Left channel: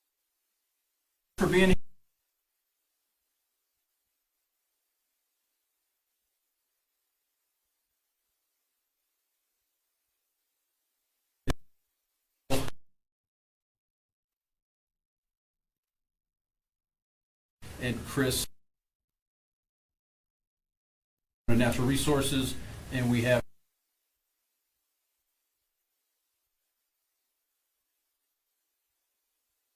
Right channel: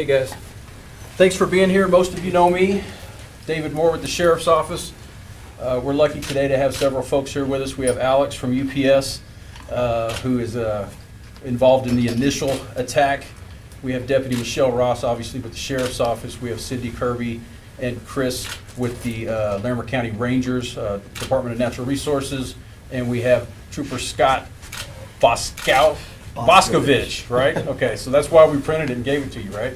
Hey guys, thanks for being here. Most of you know me, David Moore with the Sheriff's Office. We're lucky today to have several folks here with us. We have Alex from UPS, who is involved in the initial attack. We have Deputy Michelle Ross, obviously, with the Sheriff's Office. We have Cindy Kirby and Chris with the Larimer County Rangers, Department of Natural Resources. And we have Trooper Scott Boscovich, right? Okay, so that's why we printed it and gave it to you, right?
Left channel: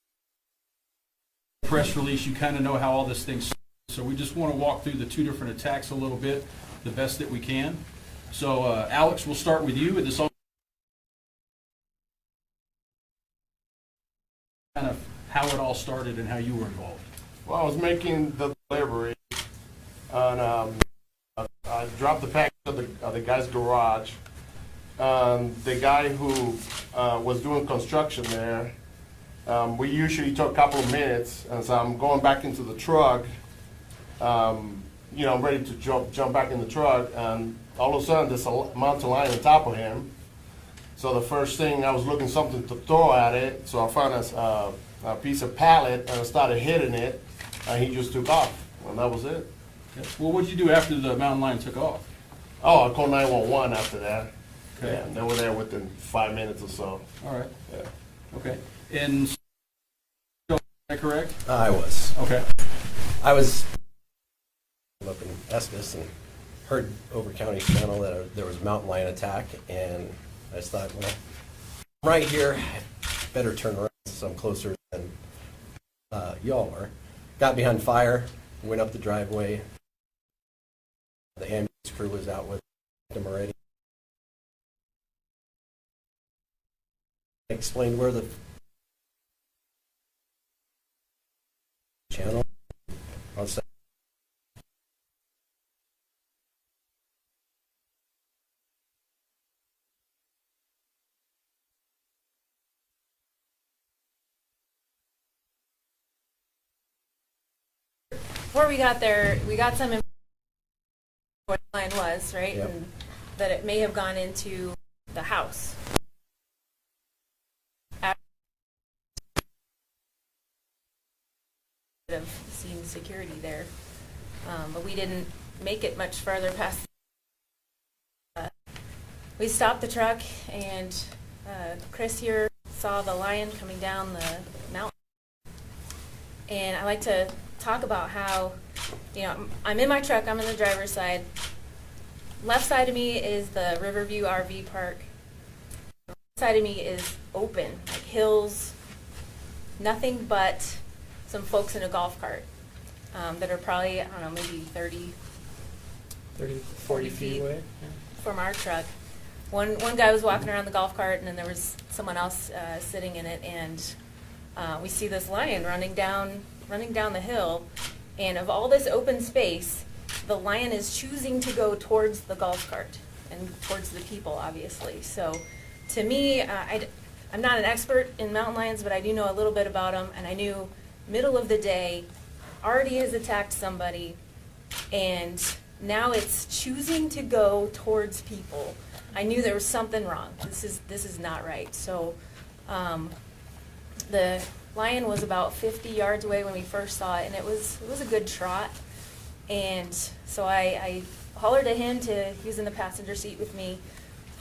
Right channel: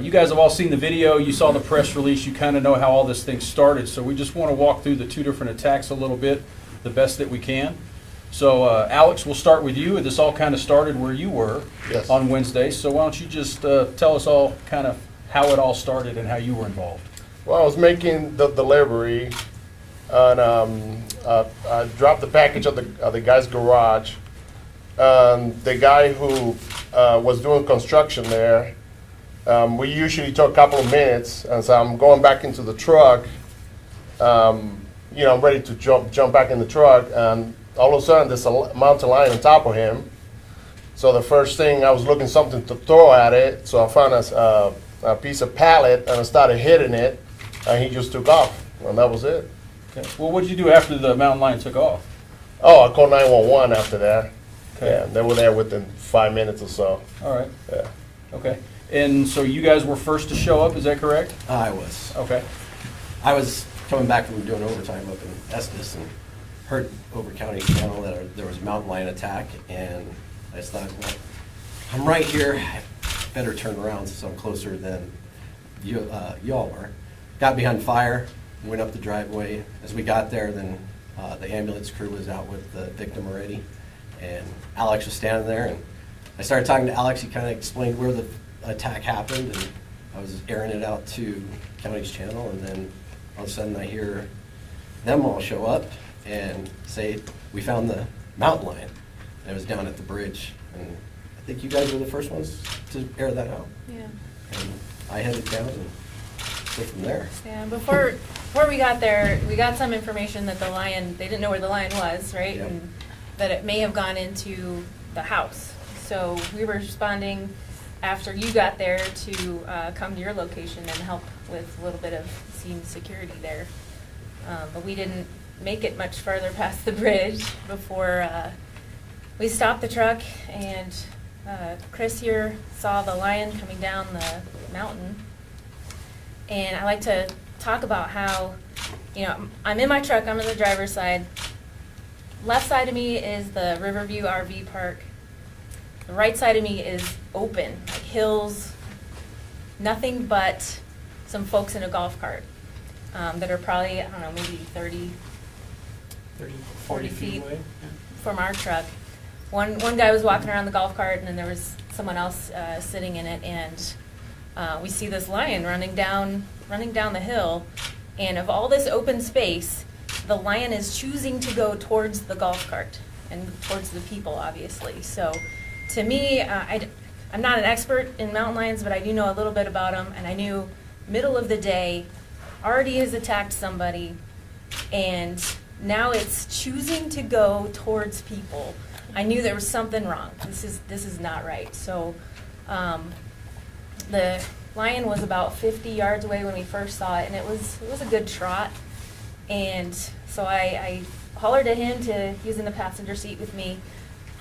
You guys have all seen the video, you saw the press release, you kind of know how all this thing started. So we just want to walk through the two different attacks a little bit, the best that we can. So Alex, we'll start with you. This all kind of started where you were on Wednesday. So why don't you just tell us all kind of how it all started and how you were involved. Well, I was making the delivery, and I dropped the package at the guy's garage. The guy who was doing construction there, we usually took a couple of minutes, and so I'm going back into the truck. I'm ready to jump back in the truck, and all of a sudden there's a mountain lion on top of him. So the first thing, I was looking something to throw at it, so I found a piece of pallet, and I started hitting it, and he just took off, and that was it. Okay. Well, what did you do after the mountain lion took off? Oh, I called 911 after that. Okay. Yeah, they were there within 5 minutes or so. All right. Yeah. Okay. And so you guys were first to show up, is that correct? I was. Okay. I was coming back from doing overtime up in Estes and heard over County Channel that there was a mountain lion attack, and I just thought, well, I'm right here. I better turn around since I'm closer than y'all are. Got behind fire, went up the driveway. As we got there, then the ambulance crew was out with the victim already, and Alex was standing there, and I started talking to Alex. He kind of explained where the attack happened, and I was airing it out to County's channel, and then all of a sudden I hear them all show up and say, we found the mountain lion. And it was down at the bridge, and I think you guys were the first ones to air that out. Yeah. And I headed down and go from there. Yeah, before we got there, we got some information that the lion, they didn't know where the lion was, right? Yep. And that it may have gone into the house. So we were responding after you got there to come to your location and help with a little bit of scene security there. But we didn't make it much further past the bridge before we stopped the truck, and Chris here saw the lion coming down the mountain. And I like to talk about how, I'm in my truck, I'm on the driver's side. Left side of me is the Riverview RV Park. The right side of me is open, like hills, nothing but some folks in a golf cart that are probably, maybe 30, 40 feet away from our truck. One guy was walking around the golf cart, and then there was someone else sitting in it, and we see this lion running down the hill, and of all this open space, the lion is choosing to go towards the golf cart and towards the people, obviously. So to me, I'm not an expert in mountain lions, but I do know a little bit about them, and I knew middle of the day already has attacked somebody, and now it's choosing to go towards people. I knew there was something wrong. This is not right. So the lion was about 50 yards away when we first saw it, and it was a good trot. And so I hollered at him he was in the passenger seat with me,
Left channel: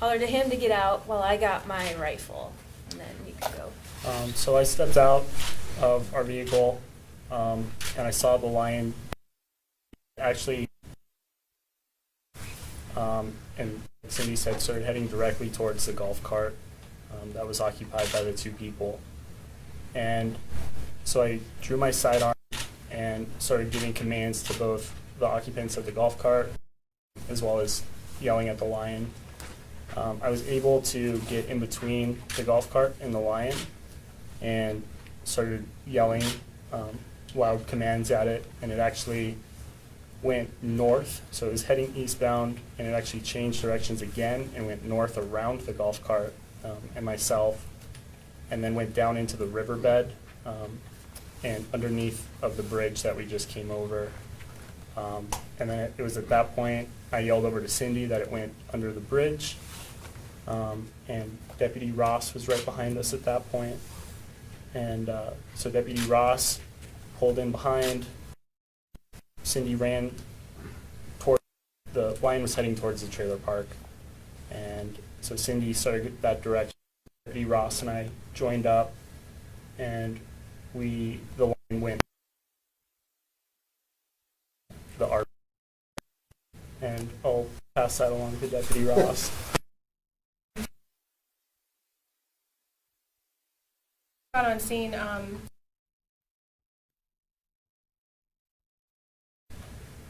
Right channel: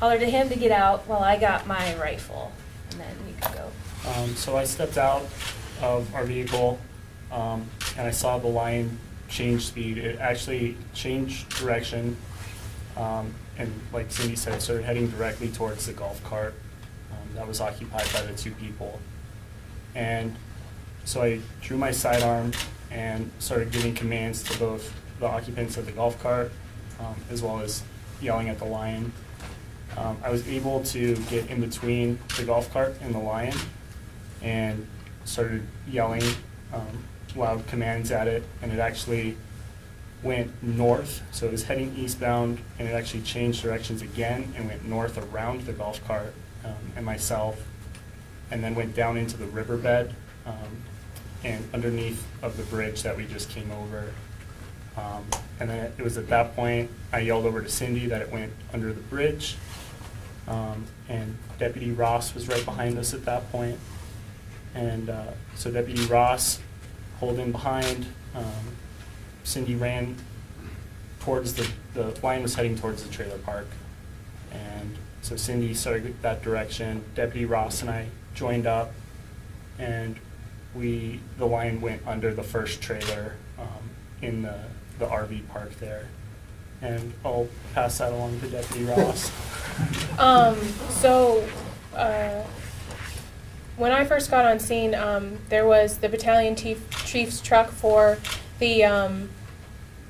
hollered at him to get out while I got my rifle, and then we could go. So I stepped out of our vehicle, and I saw the lion change speed. It actually changed direction, and like Cindy said, started heading directly towards the golf cart that was occupied by the two people. And so I drew my sidearm and started giving commands to both the occupants of the golf cart as well as yelling at the lion. I was able to get in between the golf cart and the lion and started yelling loud commands at it, and it actually went north. So it was heading eastbound, and it actually changed directions again and went north around the golf cart and myself, and then went down into the riverbed and underneath of the bridge that we just came over. And then it was at that point I yelled over to Cindy that it went under the bridge. and Deputy Ross was right behind us at that point. And so Deputy Ross pulled in behind. Cindy ran towards the line was heading towards the trailer park. And so Cindy started that direction. Deputy Ross and I joined up, and the line went under the first trailer in the RV park there. And I'll pass that along to Deputy Ross. So, when I first got on scene, there was the battalion chief's truck for the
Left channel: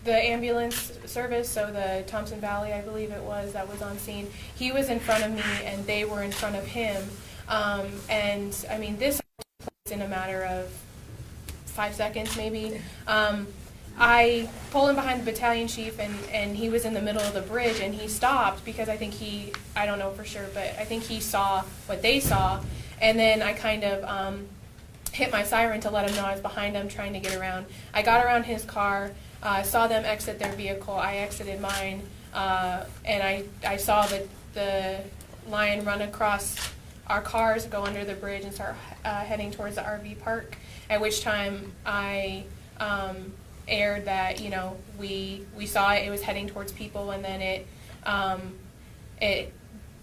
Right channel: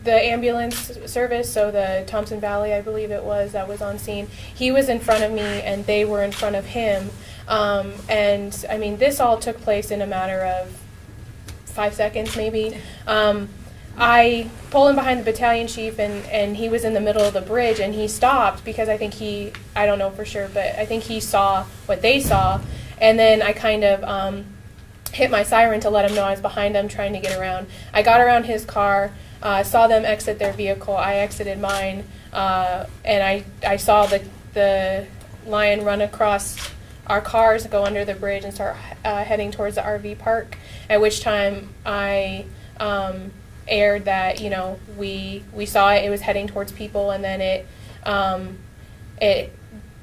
ambulance service, so the Thompson Valley, I believe it was, that was on scene. He was in front of me, and they were in front of him. And, I mean, this all took place in a matter of 5 seconds, maybe. I pulled in behind the battalion chief, and he was in the middle of the bridge, and he stopped because I think I don't know for sure, but I think he saw what they saw. And then I kind of hit my siren to let him know I was behind him, trying to get around. I got around his car, saw them exit their vehicle. I exited mine, and I saw the lion run across our cars, go under the bridge, and start heading towards the RV park, at which time I aired that, you know, we saw it was heading towards people, and then it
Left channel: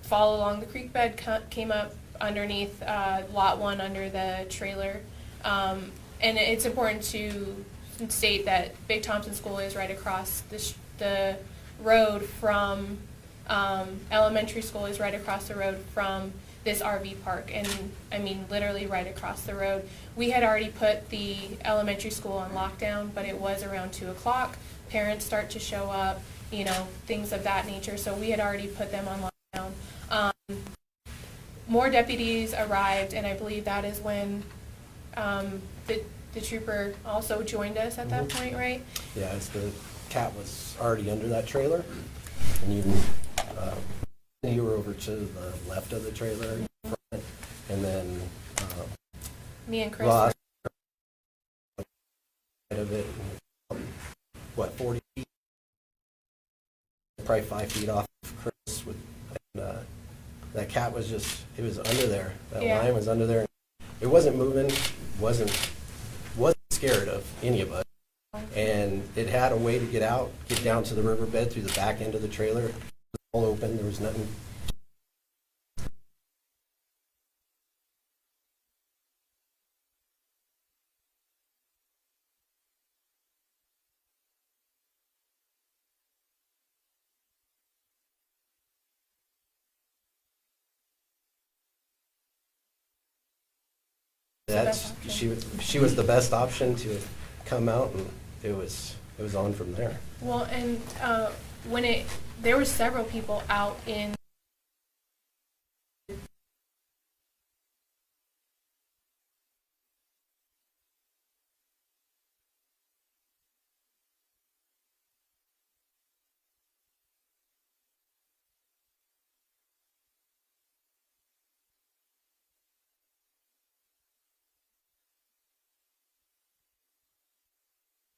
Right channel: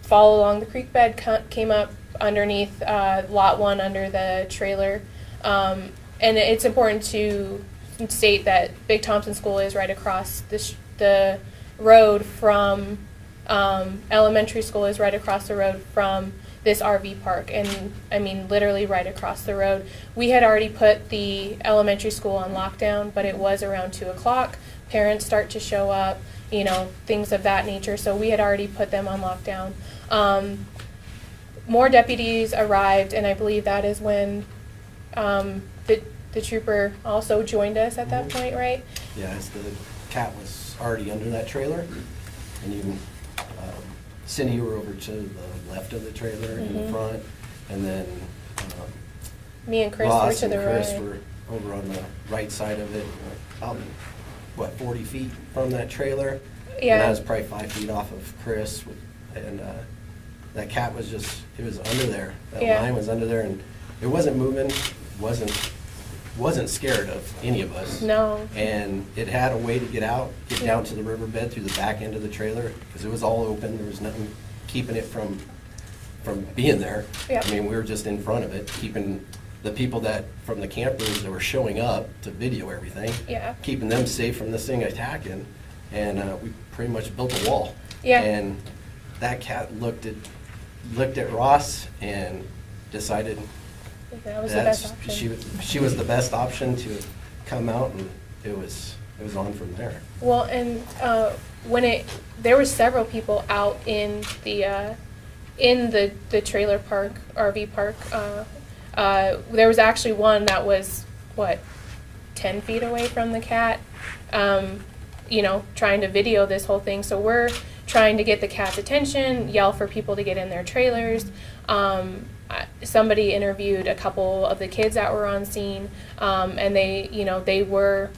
followed along the creek bed, came up underneath lot 1 under the trailer. And it's important to state that Big Thompson School is right across the road from elementary school is right across the road from this RV park, and I mean literally right across the road. We had already put the elementary school on lockdown, but it was around 2 o'clock. Parents start to show up, you know, things of that nature, so we had already put them on lockdown. More deputies arrived, and I believe that is when the trooper also joined us at that point, right? Yeah, the cat was already under that trailer, and you can send her over to the left of the trailer in front, and then Me and Chris Ross were to the and Chris right. were over on the right side of it, about, 40 feet from that trailer? Yeah. And that was probably 5 feet off of Chris, and that cat was it was under there. That Yeah. line was under there, and it wasn't moving, wasn't scared of any of us. No. And it had a way to get down to the riverbed through the back end of the trailer, because it was all open. There was nothing keeping it from being there. Yep. I mean, we were just in front of it, keeping the people from the campers that were showing up to video everything, Yeah. keeping them safe from this thing attacking. And we pretty much built a wall. Yeah. And that cat looked at Ross and decided That was the best option. she was the best option to come out, and it was on from there. Well, and there were several people out in the trailer park, RV park. There was actually one that was 10 feet away from the cat, you know, trying to video this whole thing. So we're trying to get the cat's attention, yell for people to get in their trailers. Somebody interviewed a couple of the kids that were on scene, and they were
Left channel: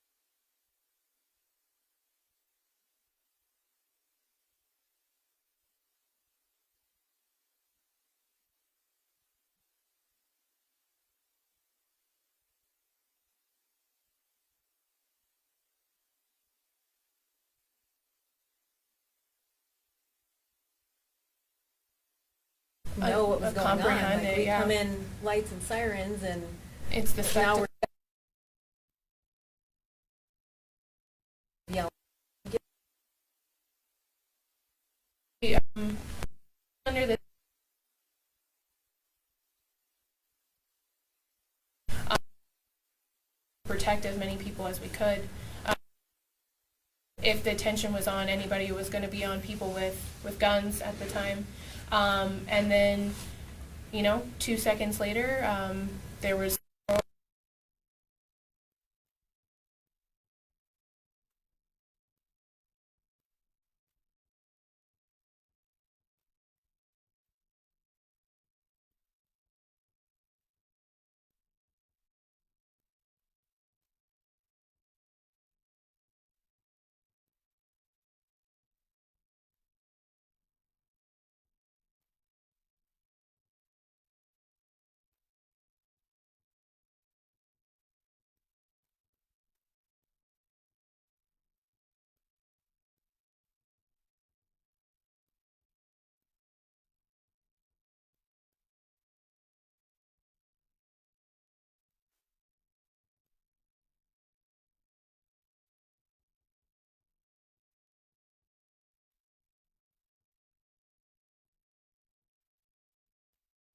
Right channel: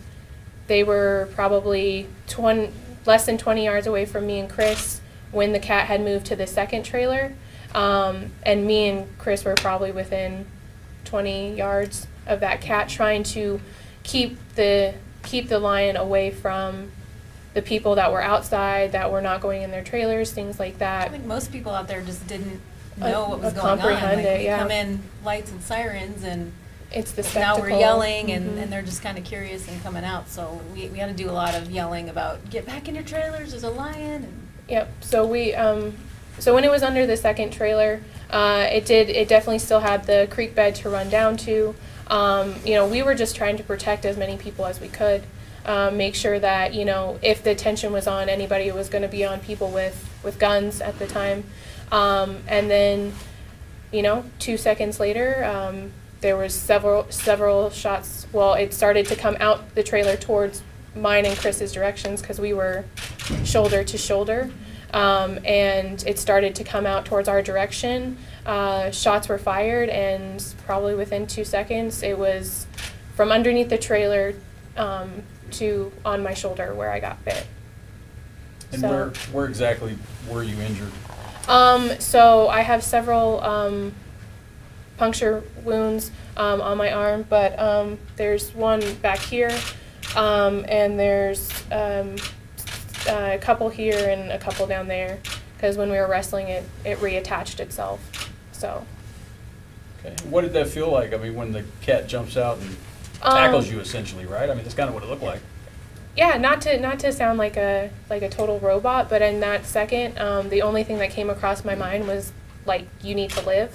probably less than 20 yards away from me and Chris when the cat had moved to the second trailer, and me and Chris were probably within 20 yards of that cat, trying to keep the lion away from the people that were outside, that were not going in their trailers, things like I that. think most people out there just didn't know what was going on. Comprehend Like, it, we yeah. come in lights and sirens, and It's the now spectacle. we're yelling, and, Mhm. and they're just kind of curious and coming out. So we had to do a lot of yelling about, get back in your trailers, there's a lion. And Yep. So so when it was under the second trailer, it definitely still had the creek bed to run down to. You know, we were just trying to protect as many people as we could, make sure that, you know, if the attention was on anybody, it was going to be on people with guns at the time. And then, you know, 2 seconds later, there was several shots. Well, it started to come out the trailer towards mine and Chris's directions, because we were shoulder to shoulder, and it started to come out towards our direction. Shots were fired, and probably within 2 seconds, it was from underneath the trailer to on my shoulder where I got bit. And So- where exactly were you injured? So I have several puncture wounds on my arm, but there's one back here, and there's a couple here and a couple down there, because when we were wrestling it reattached itself. So. Okay. What did that feel like? I mean, when the cat jumps out and tackles you, essentially, right? I mean, that's kind of what it looked like. Yeah, not to sound like a total robot, but in that second, the only thing that came across my mind was like, you need to live.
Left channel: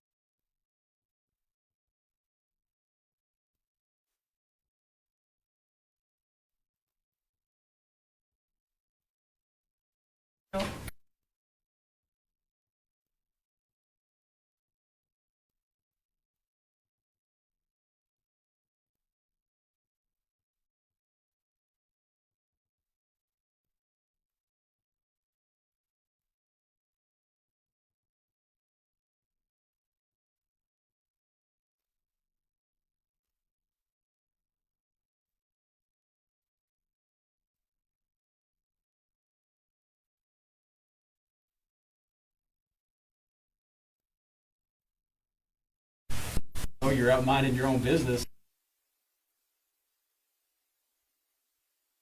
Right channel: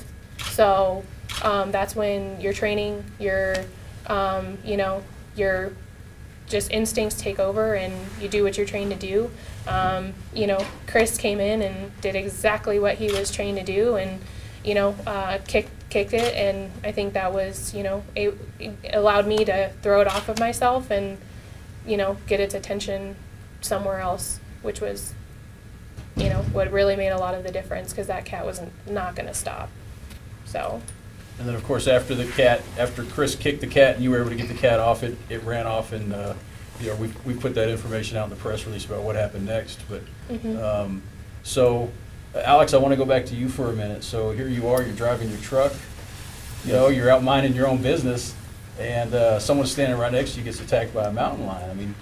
So that's when your training, your your just instincts take over, and you do what you're trained to do. Chris came in and did exactly what he was trained to do, and kicked it, and I think that was it allowed me to throw it off of myself and get its attention somewhere else, which was, what really made a lot of the difference, because that cat was not going to stop. So. And then, of course, after Chris kicked the cat and you were able to get the cat off, it ran off, and we put that information out in the press release about what happened next. But so, Alex, I want to go back to you for a minute. So here you are, you're driving your truck, you're out minding your own business, and someone standing right next to you gets attacked by a mountain lion. I mean,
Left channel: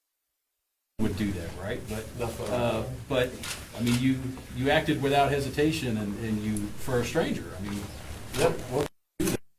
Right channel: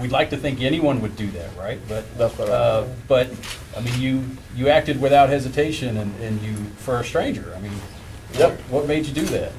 we'd like to think anyone would do that, right? But That's what but I mean, you acted without hesitation, and you, for a stranger. I mean, Yep. what made you do that?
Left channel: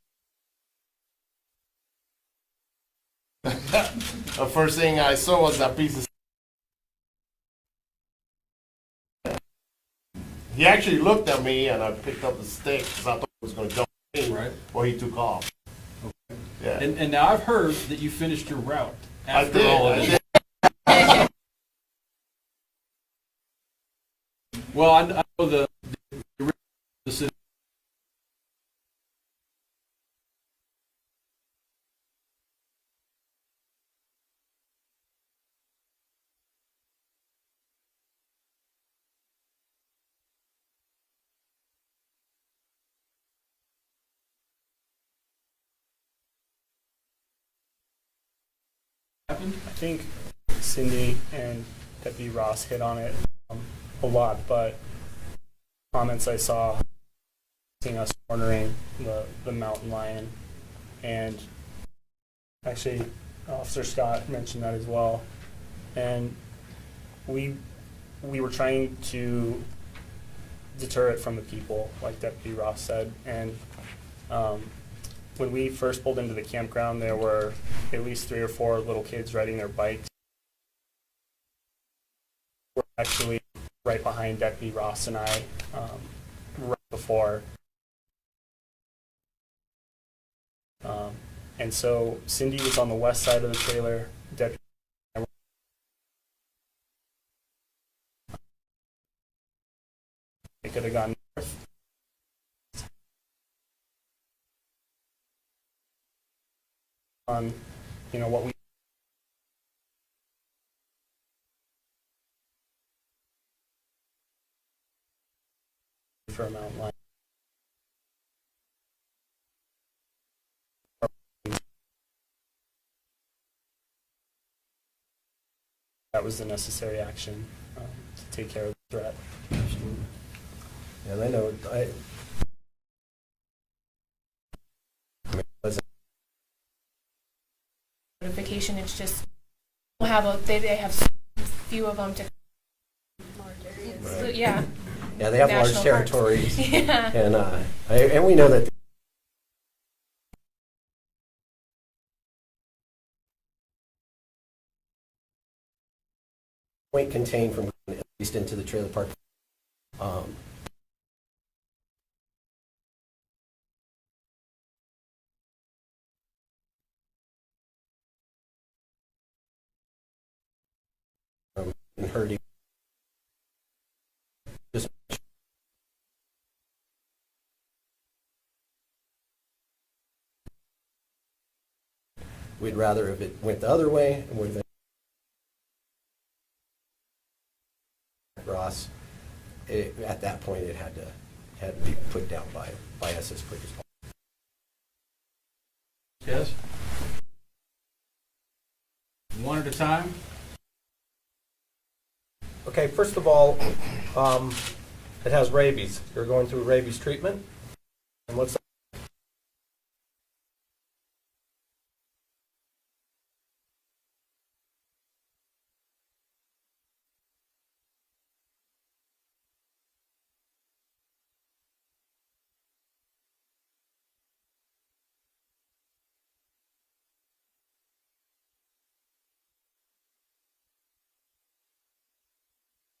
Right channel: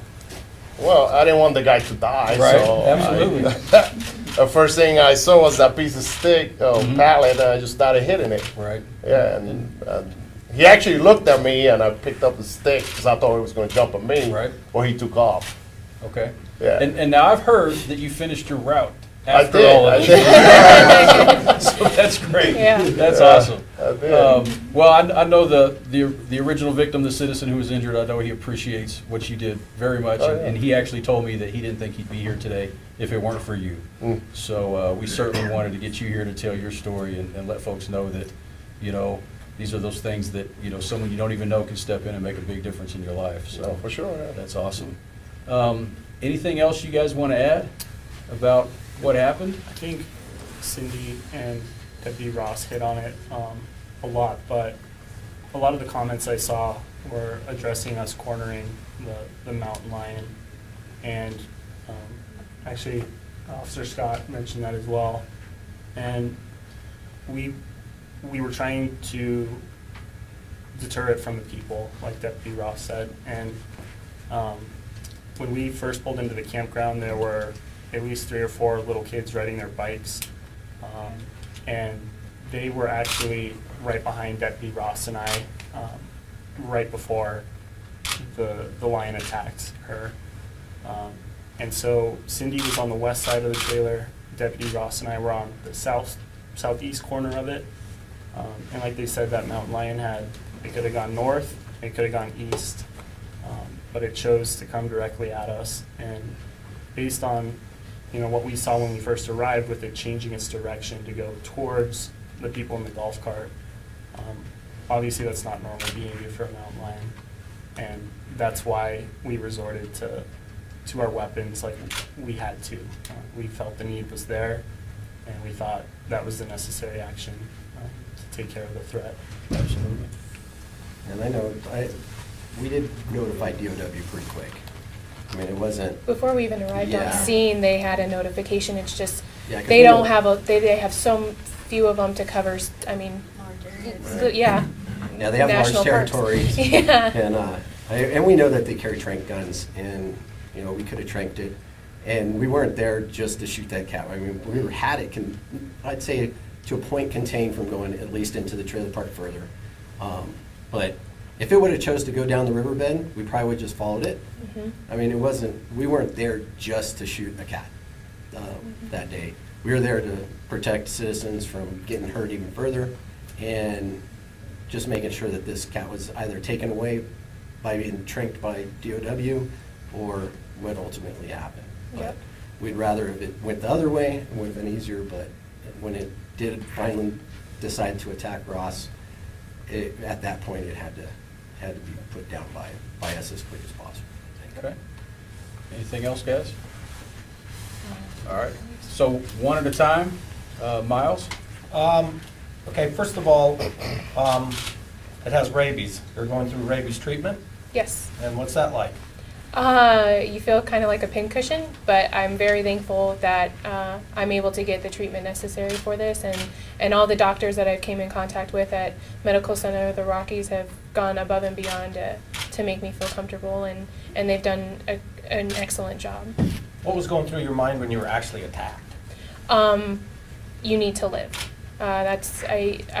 Well, I didn't want the guy to die, Right, so absolutely. The first thing I saw was that piece of stick, pallet, and I just started hitting it. Right. Yeah, and he actually looked at me, and I picked up the stick because I thought he was going to jump at me. Right. Well, he took off. Okay. Yeah. And now I've heard that you finished your route I after did. all of I this. did. So that's great. Yeah. That's awesome. I did. Well, I know the original victim, the citizen who was injured. I know he appreciates what you did very much, Oh, yeah. and he actually told me that he didn't think he'd be here today if it weren't for you. Mm. So we certainly wanted to get you here to tell your story and let folks know that these are those things that someone you don't even know can step in and make a big difference in your life. So No, for sure. Yeah. that's awesome. Anything else you guys want to add about what happened? I think Cindy and Deputy Ross hit on it a lot, but a lot of the comments I saw were addressing us cornering the mountain lion, and actually Officer Scott mentioned that as well. And we were trying to deter it from the people, like Deputy Ross said. And when we first pulled into the campground, there were at least 3 or 4 little kids riding their bikes, and they were actually right behind Deputy Ross and I, right before the lion attacked her. And so Cindy was on the west side of the trailer, Deputy Ross and I were on the southeast corner of it. And like they said, that mountain lion it could have gone north, it could have gone east, but it chose to come directly at us. And based on what we saw when we first arrived, with it changing its direction to go towards the people in the golf cart, obviously that's not normal behavior for a mountain lion, and that's why we resorted to our weapons like we had to. We felt the need was there, and we thought that was the necessary action to take care of the threat. Absolutely. And I know, we did notify DOW pretty quick. I mean, it wasn't, Before we even arrived on Yeah. scene, they had a notification. It's just yeah, 'cause they we don't know- have they have so few of them to cover. Large areas. So, yeah. Yeah, they have large National parks. territories. Yeah. And we know that they carry trank guns, and, we could have tranked it. And we weren't there just to shoot that cat. I mean, we had it, I'd say, to a point contained from going at least into the trailer park further. But if it would have chose to go down the riverbed, we probably would have just followed it. Mhm. I mean, we weren't there just to shoot a cat that day. We were there to protect citizens from getting hurt even further, and just making sure that this cat was either taken away by being tranked by DOW or what ultimately happened. But Yep. we'd rather if it went the other way, it would have been easier, but when it did finally decide to attack Ross, at that point it had to be put down by us as quick as possible. Okay. Anything else, guys? All right. So one at a time. Miles? Okay, first of all, it has rabies. You're going through rabies treatment, Yes. and what's that like? You feel kind of like a pincushion, but I'm very thankful that I'm able to get the treatment necessary for this, and all the doctors that I came in contact with at Medical Center of the Rockies have gone above and beyond to make me feel comfortable, and they've done an excellent job. What was going through your mind when you were actually attacked? You need to live. I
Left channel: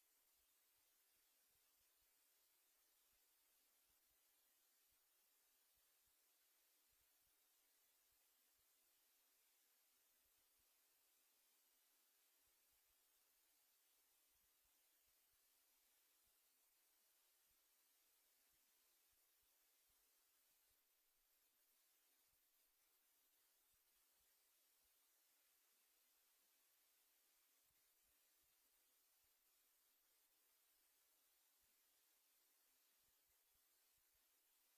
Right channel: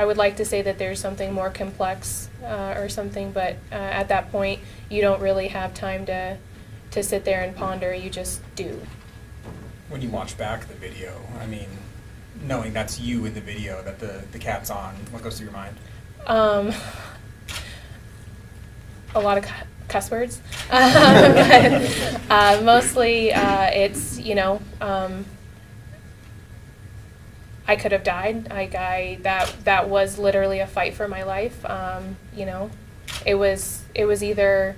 would like to say that there's something more complex or something, but at that point, you don't really have time to sit there and ponder. You just do. When you watch back the video, I mean, knowing that's you in the video, that the cat's on, what goes through your mind? A lot of cuss words. But, mostly it's, I could have died. That was literally a fight for my life. It was either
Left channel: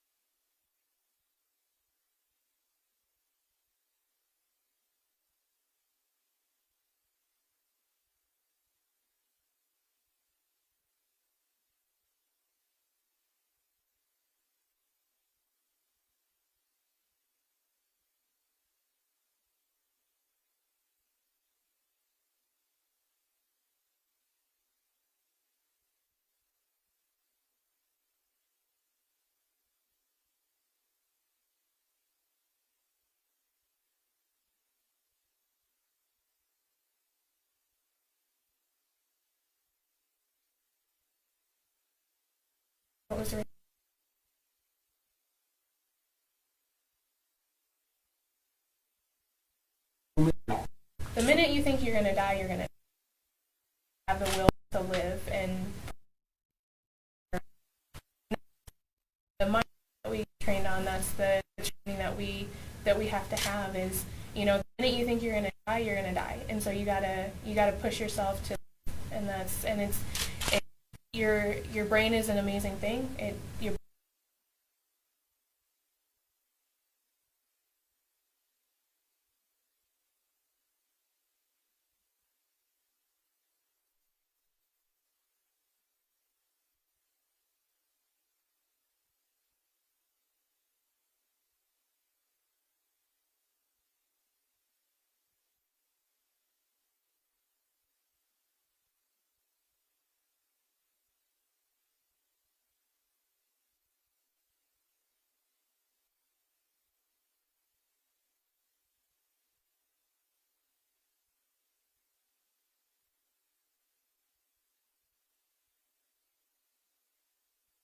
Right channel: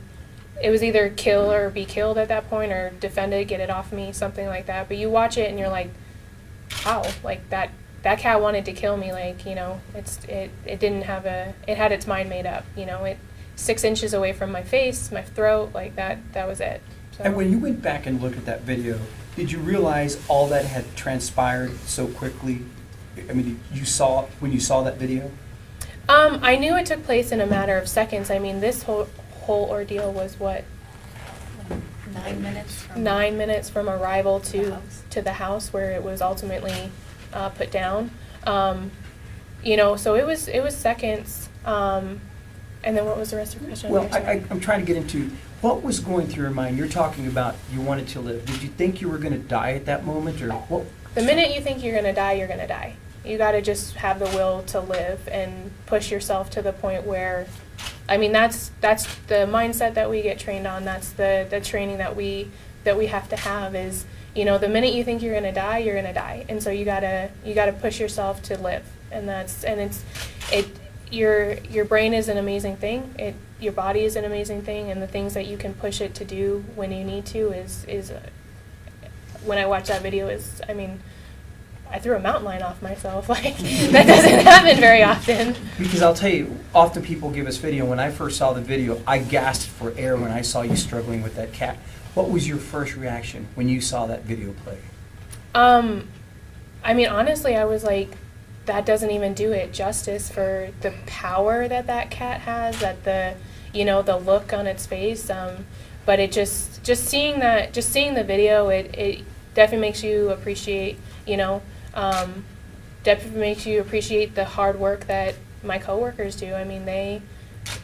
kill or be killed at that point, or defend it, get it off me, something like that. But you watch it and you're like, wow, like that cat wanted to kill me. Like, it didn't have it had its mind made up. It 6 inches away from my face, my throat, like that was it. So. And when you went back and looked at that video, did you realize all that had transpired so quickly? I mean, when you saw that video? I knew it took place in a matter of seconds. I mean, this whole ordeal was what? 9 minutes from 9 minutes from arrival the to house. the house where it was ultimately put down. So it was seconds. And then what was the rest of your question? Well, I'm trying to get into what was going through your mind. You're talking about you wanted to live. Did you think you were going to die at that moment, or what? The minute you think you're going to die, you're going to die. You got to just have the will to live and push yourself to the point where, I mean, that's the mindset that we get trained on. That's the training that we have to have is, the minute you think you're going to die, you're going to die. And so you got to push yourself to live. Your brain is an amazing thing. Your body is an amazing thing, and the things that you can push it to do when you need to is when I watch that video I threw a mountain lion off myself. Like, that doesn't happen very often. Because I'll tell you, often people give us video. When I first saw the video, I gasped for air when I saw you struggling with that cat. What was your first reaction when you saw that video play? Honestly, I was like, that doesn't even do it justice for the power that cat has, that the look on its face. But it just seeing the video, it definitely makes you appreciate, definitely makes you appreciate the hard work that my coworkers do. I mean, they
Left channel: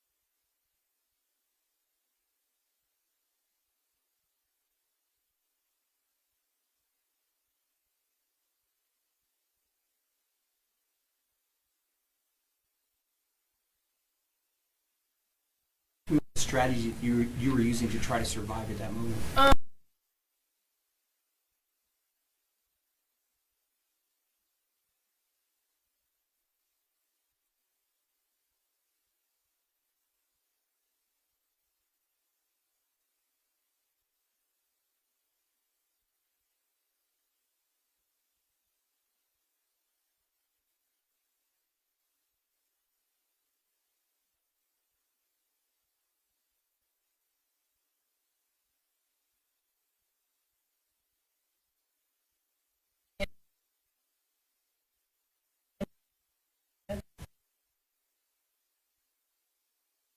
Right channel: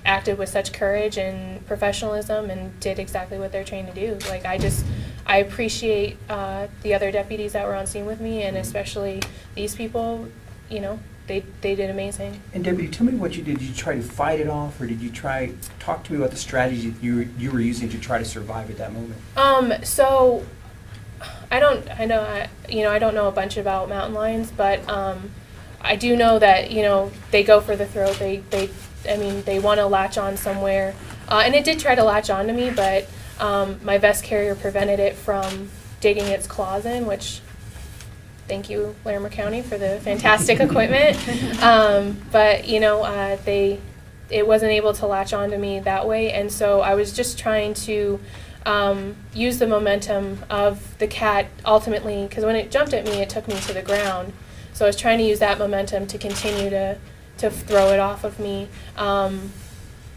acted with such courage and professionalism and did exactly what they're trained to do. Like, I appreciate the other deputies that were on scene with me, and especially these people. They did amazing. And Debbie, tell me what you did. Did you try to fight it off, or did you talk to me about the strategy that you were using to try to survive at that moment? So I don't know a bunch about mountain lions, but I do know that they go for the throat. They want to latch on somewhere, and it did try to latch on to me, but my vest carrier prevented it from digging its claws in, which. Thank you, Larimer County, for the fantastic equipment. But it wasn't able to latch onto me that way, and so I was just trying to use the momentum of the cat ultimately, because when it jumped at me, it took me to the ground. So I was trying to use that momentum to continue to throw it off of me.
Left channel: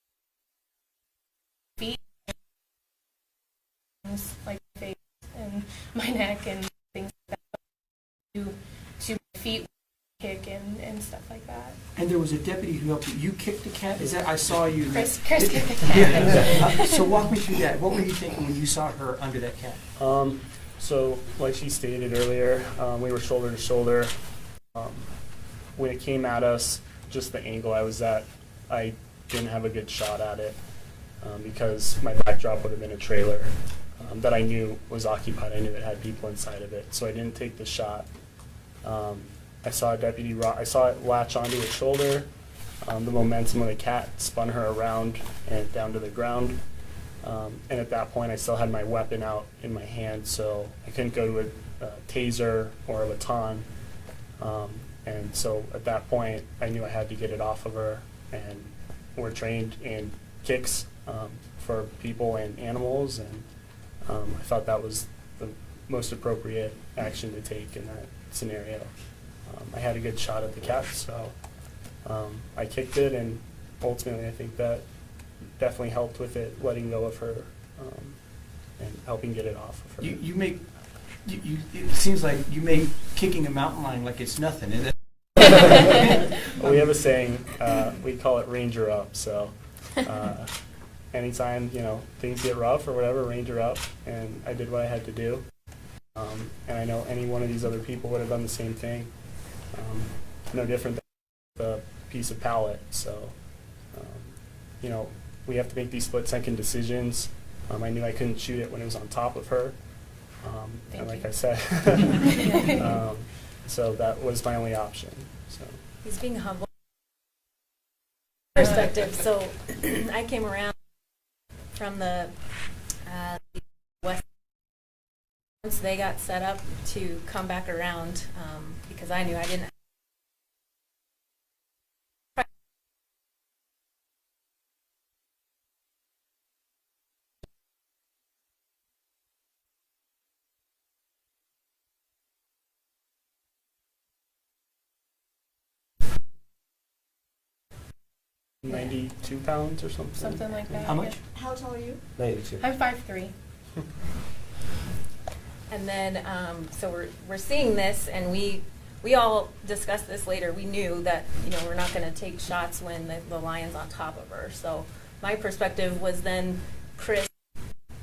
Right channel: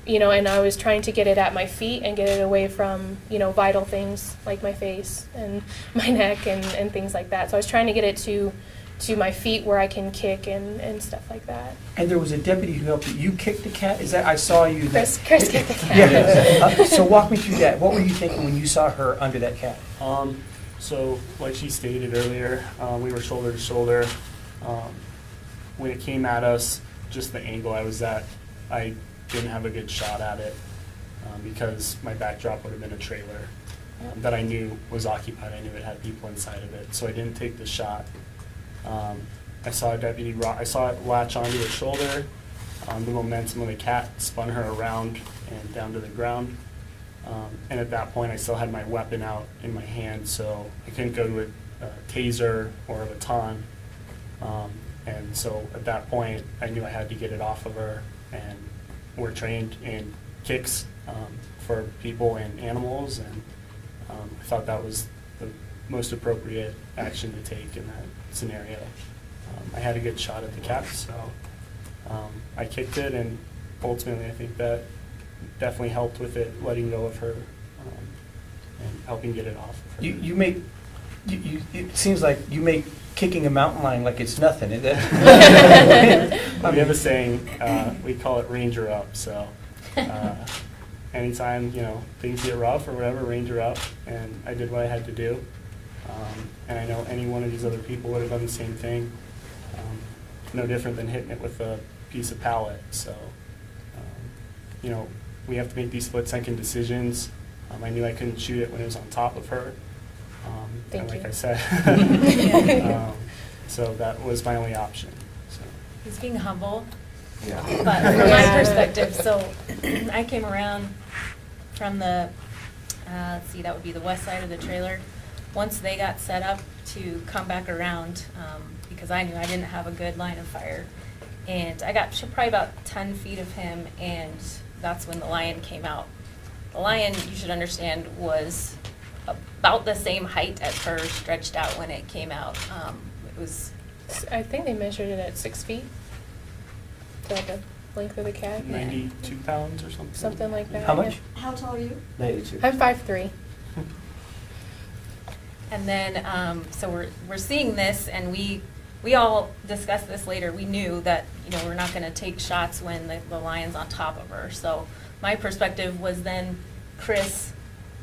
And I was trying to get it at my feet and get it away from, vital things like my face and my neck and things like that. So I was trying to get it to my feet where I can kick and stuff like that. And there was a deputy who helped you. You kicked the cat? Is that, I saw you. Chris kicked the cat. Yeah. So walk me through that. What were you thinking when you saw her under that cat? So like she stated earlier, we were shoulder to shoulder. When it came at us, just the angle I was at, I didn't have a good shot at it because my backdrop would have been a trailer that I knew was occupied. I knew it had people inside of it, so I didn't take the shot. I saw I saw it latch onto her shoulder. The momentum of the cat spun her around and down to the ground. And at that point, I still had my weapon out in my hand, so I couldn't go to a taser or a baton. And so at that point, I knew I had to get it off of her, and we're trained in kicks for people and animals, and I thought that was the most appropriate action to take in that scenario. I had a good shot at the cat, so I kicked it, and ultimately I think that definitely helped with it letting go of her and helping get it off of her. You make, it seems like you make kicking a mountain lion like it's nothing, is it? We have a saying, we call it ranger up, so anytime, things get rough or whatever, ranger up, and I did what I had to do. And I know any one of these other people would have done the same thing. No different than hitting it with a piece of pallet, so, we have to make these split-second decisions. I knew I couldn't shoot it when it was on top of her, Thank and like you. I said, so that was my only option, so. He's being humble, Yeah. but from my Yeah. perspective, so I came around from the, let's see, that would be the west side of the trailer. Once they got set up to come back around, because I knew I didn't have a good line of fire. And I got probably about 10 feet of him, and that's when the lion came out. The lion, you should understand, was about the same height as her, stretched out when it came out. It was, I think they measured it at 6 feet. Is that the length of the cat? 92 pounds or something? Something like that. How yeah. much? how tall are you? 92. I'm 5'3". And then, so we're seeing this, and we all discussed this later. We knew that, we're not gonna take shots when the lion's on top of her. So my perspective was then Chris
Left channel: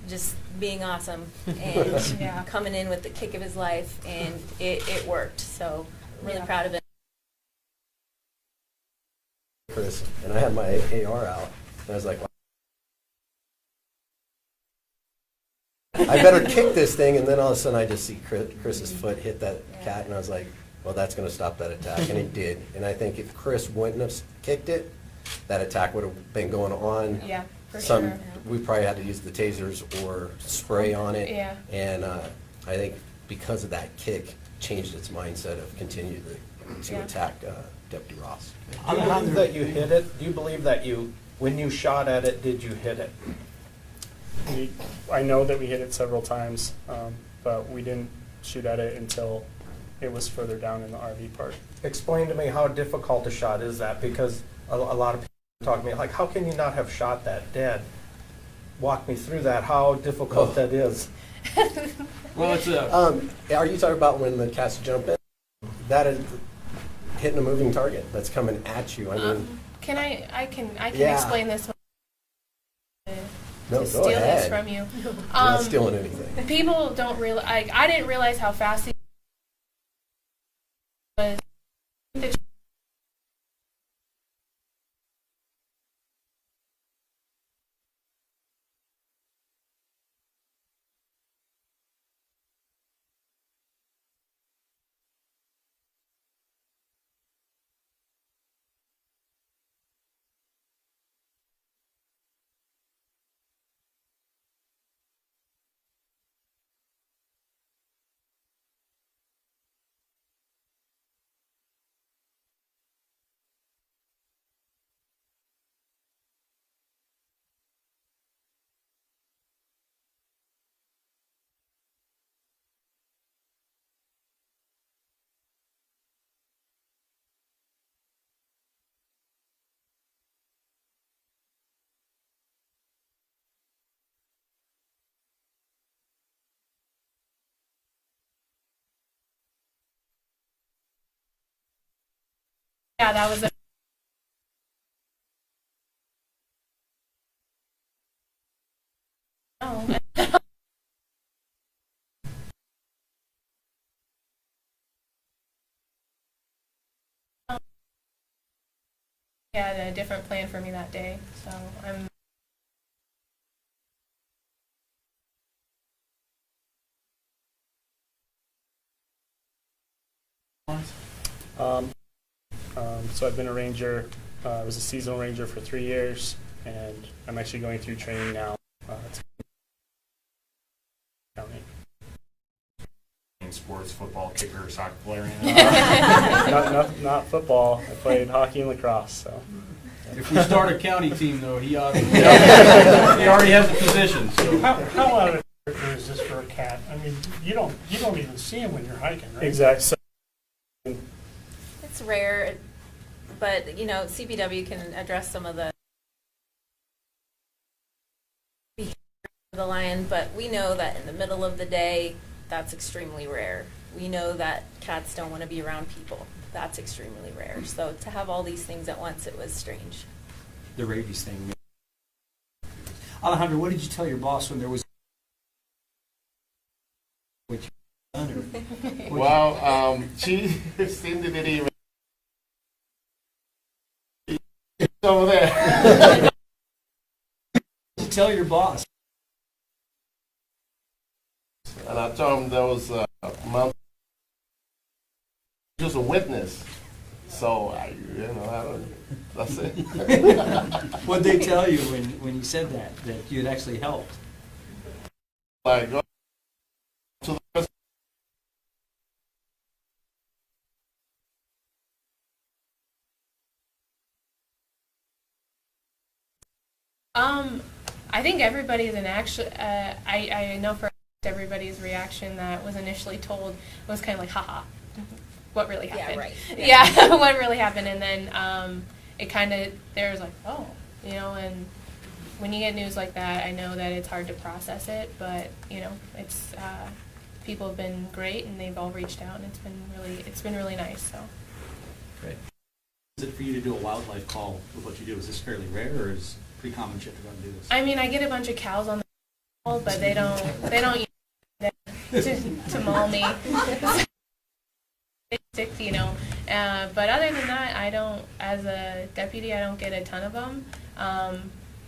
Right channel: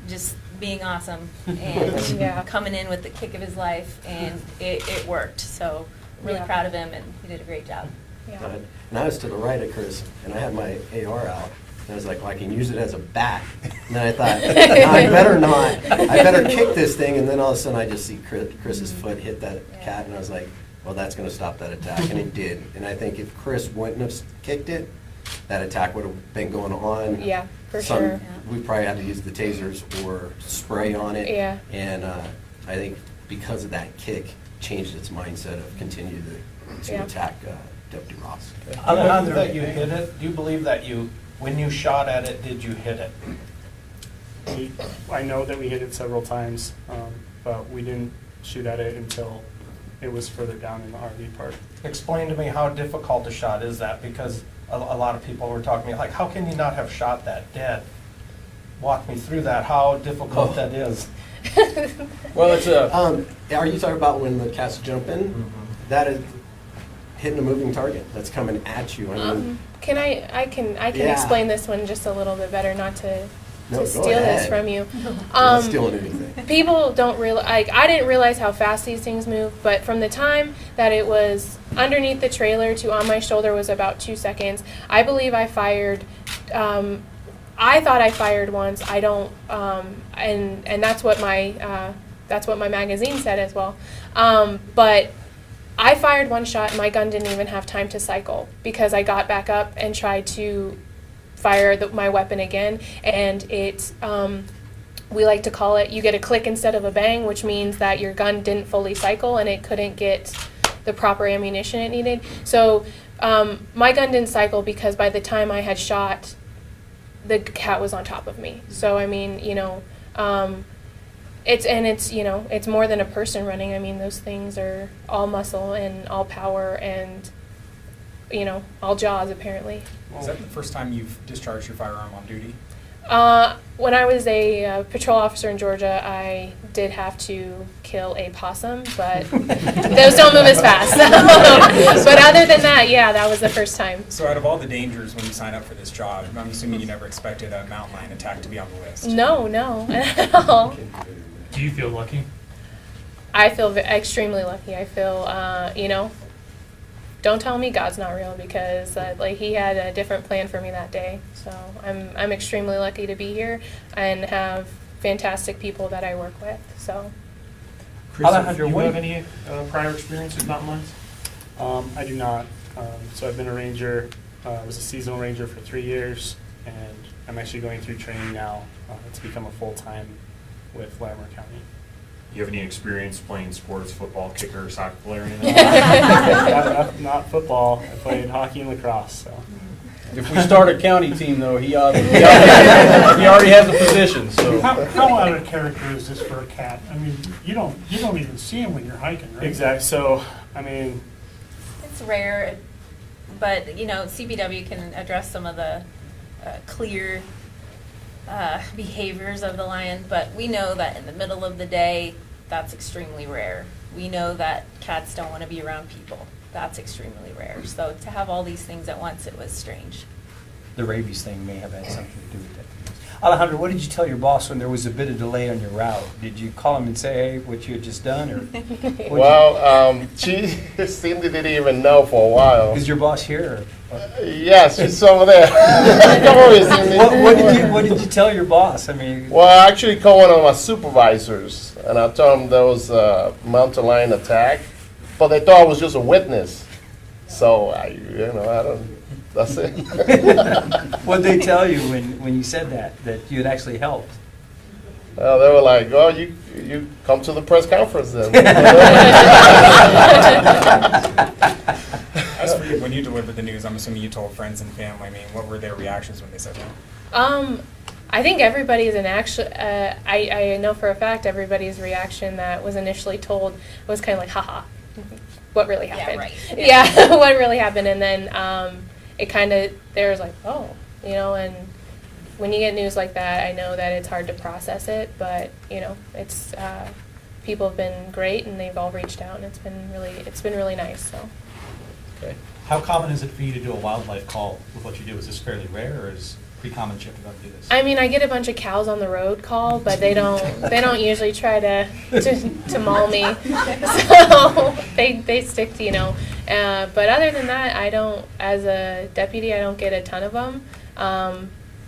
just being awesome and Yeah. coming in with the kick of his life, and it worked. So really Yeah. proud of him, and he did a great job. Yeah. And I was to the right of Chris, and I had my AR out. I was like, well, I can use it as a bat. And then I thought, no, I better not. I better kick this thing. And then all of a sudden, I just see Chris's foot hit that cat, and I was like, well, that's going to stop that attack. And it did. And I think if Chris wouldn't have kicked it, that attack would have been going on. Yeah, for sure. We probably had to use the tasers or spray on it. Yeah. And I think because of that kick, changed its mindset of continue to Yeah. attack Deputy Ross. Do you believe that you hit it? Do you believe that when you shot at it, did you hit it? I know that we hit it several times, but we didn't shoot at it until it was further down in the RV park. Explain to me how difficult a shot is that, because a lot of people were talking to me, like, how can you not have shot that dead? Walk me through that, how difficult that is. Well, it's a, Are you talking about when the cats jump in? Mm-hmm. That is hitting a moving target that's coming at you. I mean, Can I can Yeah. explain this one just a little bit better, not to No, go steal this ahead. from you. you're not stealing anything. People don't realize, I didn't realize how fast these things move, but from the time that it was underneath the trailer to on my shoulder was about 2 seconds. I believe I fired, I thought I fired once. I don't, and that's what my magazine said as well. But I fired one shot and my gun didn't even have time to cycle because I got back up and tried to fire my weapon again, and it, we like to call it, you get a click instead of a bang, which means that your gun didn't fully cycle and it couldn't get the proper ammunition it needed. So my gun didn't cycle because by the time I had shot, the cat was on top of me. So I mean, it's more than a person running. I mean, those things are all muscle and all power and all jaws apparently. Is that the first time you've discharged your firearm on duty? When I was a patrol officer in Georgia, I did have to kill a possum, but those don't move as fast. But other than that, yeah, that was the first time. So out of all the dangers when you sign up for this job, I'm assuming you never expected a mountain lion attack to be on the list. No, at all. Do you feel lucky? I feel extremely lucky. I feel, don't tell me God's not real because he had a different plan for me that day. So I'm extremely lucky to be here and have fantastic people that I work with. So. Alejandro, Do you what have any prior experience with mountain lions? I do not. So I've been a ranger. I was a seasonal ranger for 3 years, and I'm actually going through training now to become a full-time with Larimer County. You have any experience playing sports, football, kicker, soccer player? Not football. I played hockey and lacrosse, so. If we start a county team, though, he already has a position, so. How out of character is this for a cat? I mean, you don't even see him when you're hiking, right? Exactly. So, I mean, It's rare, but, you know, CPW can address some of the clear behaviors of the lion, but we know that in the middle of the day, that's extremely rare. We know that cats don't want to be around people. That's extremely rare. So to have all these things at once, it was strange. The rabies thing may have had something to do with that. Alejandro, what did you tell your boss when there was a bit of delay on your route? Did you call him and say, hey, what you had just done? Or Well, she Cindy didn't even know for a while. is your boss here? Yes, she's over there. Come over here, Cindy. What did you tell your boss? I mean, Well, I actually called one of my supervisors, and I told them there was a mountain lion attack, but they thought I was just a witness. So, I don't, that's it. what did they tell you when you said that you had actually helped? Well, they were like, oh, you come to the press conference then. As for you, when you delivered the news, I'm assuming you told friends and family. I mean, what were their reactions when they said that? I think everybody's I know for a fact everybody's reaction that was initially told was kind of like, haha, what really happened? right. Yeah, what really happened? And then it kind of, there's like, oh, you know, and when you get news like that, I know that it's hard to process it, but, you know, it's, people have been great and they've all reached out and it's been really nice, so. Okay. How common is it for you to do a wildlife call with what you do? Is this fairly rare, or is it pretty common to do this? I mean, I get a bunch of cows on the road call, but they don't usually try to maul me. So they stick to, you know. But other than that, I don't, as a deputy, I don't get a ton of them.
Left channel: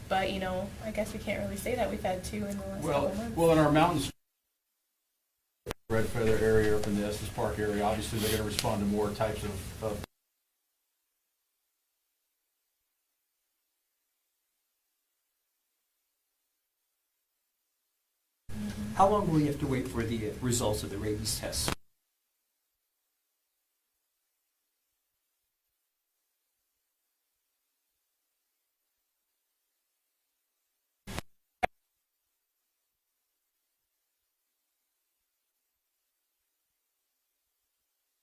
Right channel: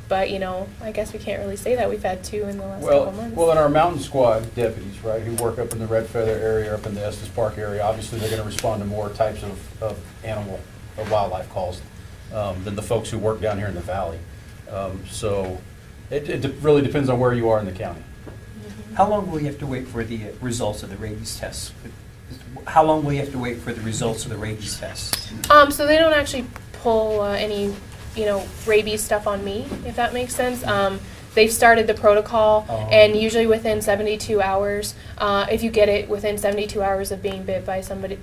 But, you know, I guess we can't really say that. We've had 2 in the last couple months. Well, in our mountain squad deputies, right, who work up in the Red Feather area, up in the Estes Park area, obviously they're going to respond to more types of wildlife calls than the folks who work down here in the valley. So it really depends on where you are in the county. How long will you have to wait for the results of the rabies test? How long will you have to wait for the results of the rabies test? So they don't actually pull any, you know, rabies stuff on me, if that makes sense. They've started the protocol, and usually within 72 hours, if you get it within 72 hours of being bit by somebody,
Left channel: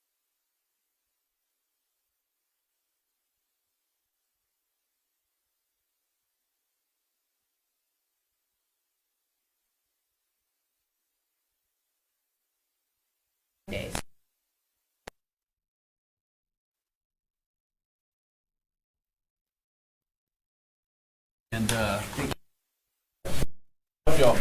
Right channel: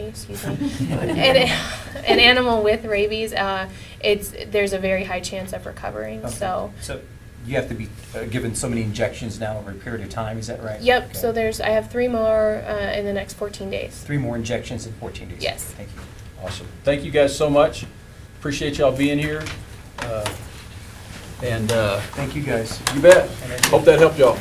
excuse me, an animal with rabies, there's a very high chance of recovering. Okay. So you have to be given so many injections now over a period of time, is that right? yep. Okay. So I have 3 more in the next 14 days. 3 more injections in 14 days? Yes. Thank you. Awesome. Thank you guys so much. Appreciate y'all being here. Thank you, guys. You bet. Hope that helped y'all.